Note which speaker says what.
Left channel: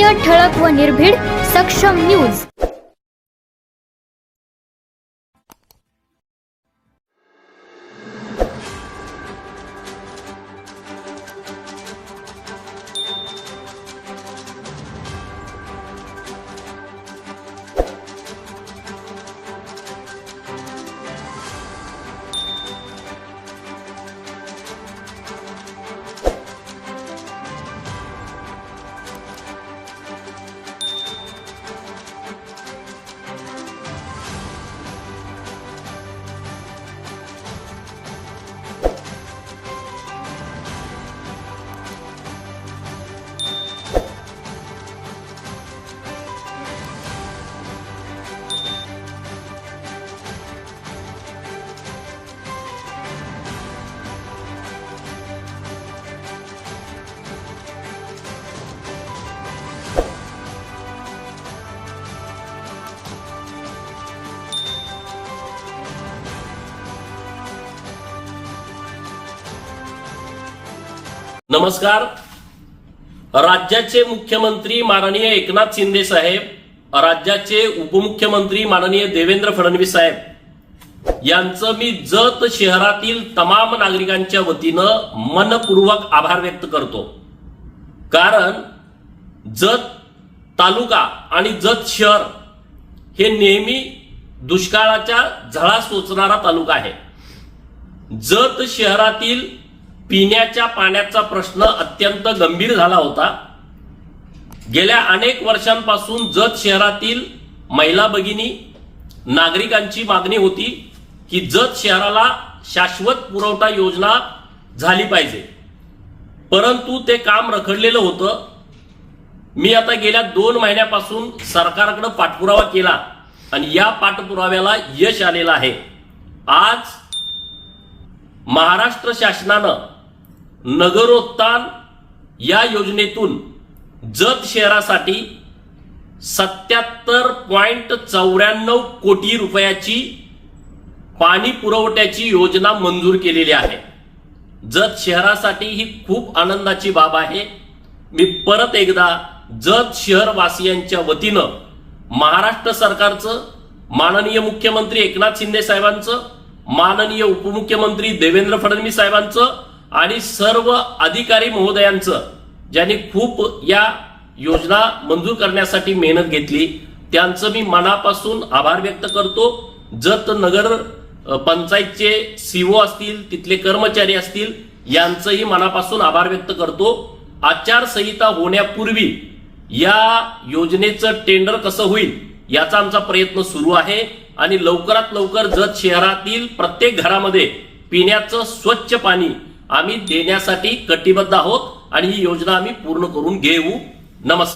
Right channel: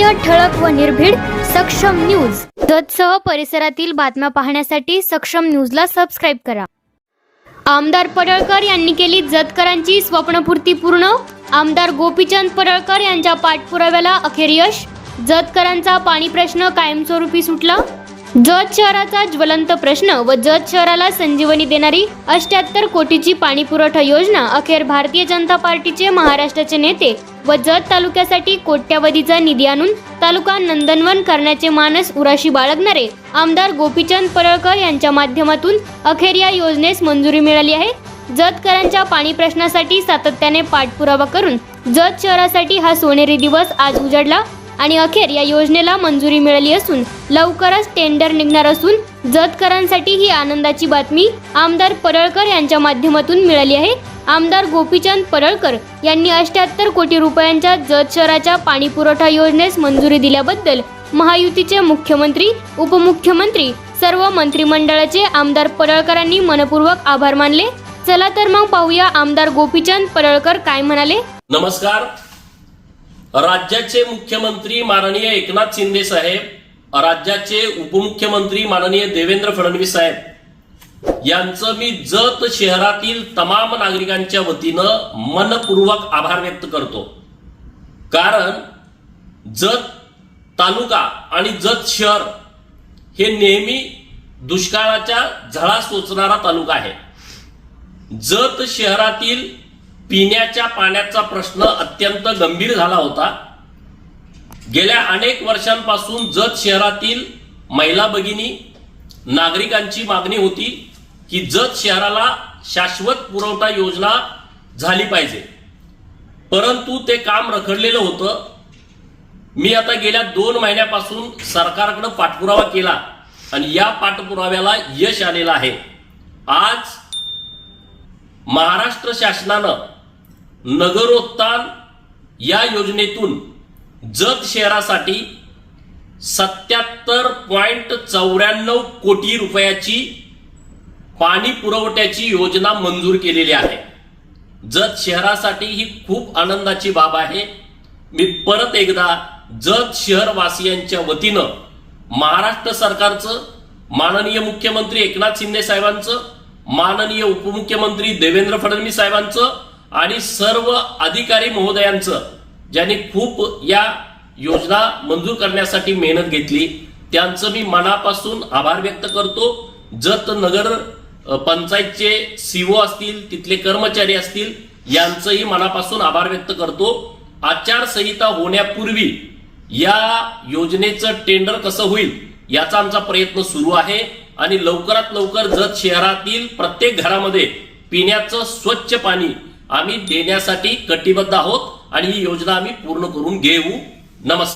Speaker 1: सत्य ठळक व निर्भीड सक्षम न्यूज. जतसह परिसरातील बातम्या पाहण्यासाठी सक्षम न्यूजला सबस्क्राईब करा. आमदार पडळकर यांनी केली जतकरांची स्वप्नपूर्ती पूर्ण. आमदार गोपीचंद पडळकर यांच्या पाठपुराव्याला अखेर यश. जतकरांचा पाणी प्रश्न कायमस्वरूपी सुटला. जत शहराचा ज्वलंत प्रश्न व जत शहराला संजीवनी देणारी अष्ट्याहत्तर कोटीची पाणी पुरवठा योजना अखेर भारतीय जनता पार्टीचे महाराष्ट्राचे नेते व जत तालुक्यासाठी कोट्यावधीचा निधी आणून तालुका नंदनवन करण्याचे मानस उराशी बाळगणारे आमदार गोपीचंद पडळकर यांच्या माध्यमातून अखेर या योजनेस मंजुरी मिळाली आहे. जतकरांच्या पाणी प्रश्नासाठी सातत्याने पाठपुरावा करून जत शहरासाठी हा सोनेरी दिवस आज उजाडला. आणि अखेर या योजनेला मंजुरी मिळाली असून लवकरच टेंडर निघणार असून जतकरांसाठी ही आनंदाची बातमी आमदार परळकर यांच्या माध्यमातून मिळाली आहे. आमदार गोपीचंद परळकर यांनी अष्ट्याहत्तर कोटी रुपयांच्या जत शहराच्या पाणी पुरवठा योजनेस मंजुरी दिल्याबद्दल महायुतीचे मुख्यमंत्री उपमुख्यमंत्री सर्व मंत्रिमंडळाचे आमदार परळकरांनी मनपूर्वक आभार मानले. चला तर मग पाहूया आमदार गोपीचंद परळकर काय म्हणाले.
Speaker 2: नमस्कार. राज्याचे मुख्यमंत्री माननीय एकनाथ शिंदे साहेब राज्याचे उपमुख्यमंत्री माननीय देवेंद्र फडणवीस साहेब. यांचं मी जत शहरातील तमाम नागरिकांच्या वतीनं मनपूर्वक आभार व्यक्त करतो. कारण जत तालुका आणि जत शहर हे नेहमी दुष्काळाच्या झळा सोचणारा तालुका आहे. जत शहरातील पिण्याच्या पाण्याचा प्रश्न अत्यंत गंभीर झाला होता. गेल्या अनेक वर्षांपासून जत शहरातील महिला भगिनी नागरिकांची मागणी होती की जत शहराला शाश्वत पुरवठा योजना झाली पाहिजे. परंतु ते काम रखडलेलं होतं. मी आता गेल्या दोन महिन्यापासून सरकारकडे पाठपुरावा केला आणि या पाठपुराव्याला यश आलेलं आहे. आज महाराष्ट्र शासनानं नगरोत्थान या योजनेतून जत शहरासाठी सत्याहत्तर पॉइंट चौऱ्याण्णव कोटी रुपयाची पाणी पुरवठ्याची योजना मंजूर केलेली आहे. जत शहरासाठी ही खूप आनंदाची बाब आहे. मी परत एकदा जत शहरवासियांच्या वतीनं महाराष्ट्र सरकारचं माननीय मुख्यमंत्री एकनाथ शिंदे साहेबांचं माननीय उपमुख्यमंत्री देवेंद्र फडणवीस साहेबांचं आणि सर्व अधिकारी महोदयांचं ज्यांनी खूप या योजना मंजूर करण्यासाठी मेहनत घेतली त्यांचं मी मनापासून आभार व्यक्त करतो. जत नगर पंचायतचे सीओ असतील तिथले कर्मचारी असतील यांचंही मनापासून आभार व्यक्त करतो. आचारसंहिता होण्यापूर्वी या योजनेचं टेंडर कसं होईल याचा आमचा प्रयत्न सुरू आहे. आणि लवकरात लवकर जत शहरातील प्रत्येक घरामध्ये पिण्याचं स्वच्छ पाणी आम्ही देण्यासाठी कटिबद्ध आहोत आणि ही योजना आम्ही पूर्ण करून घेऊ. नमस्कार.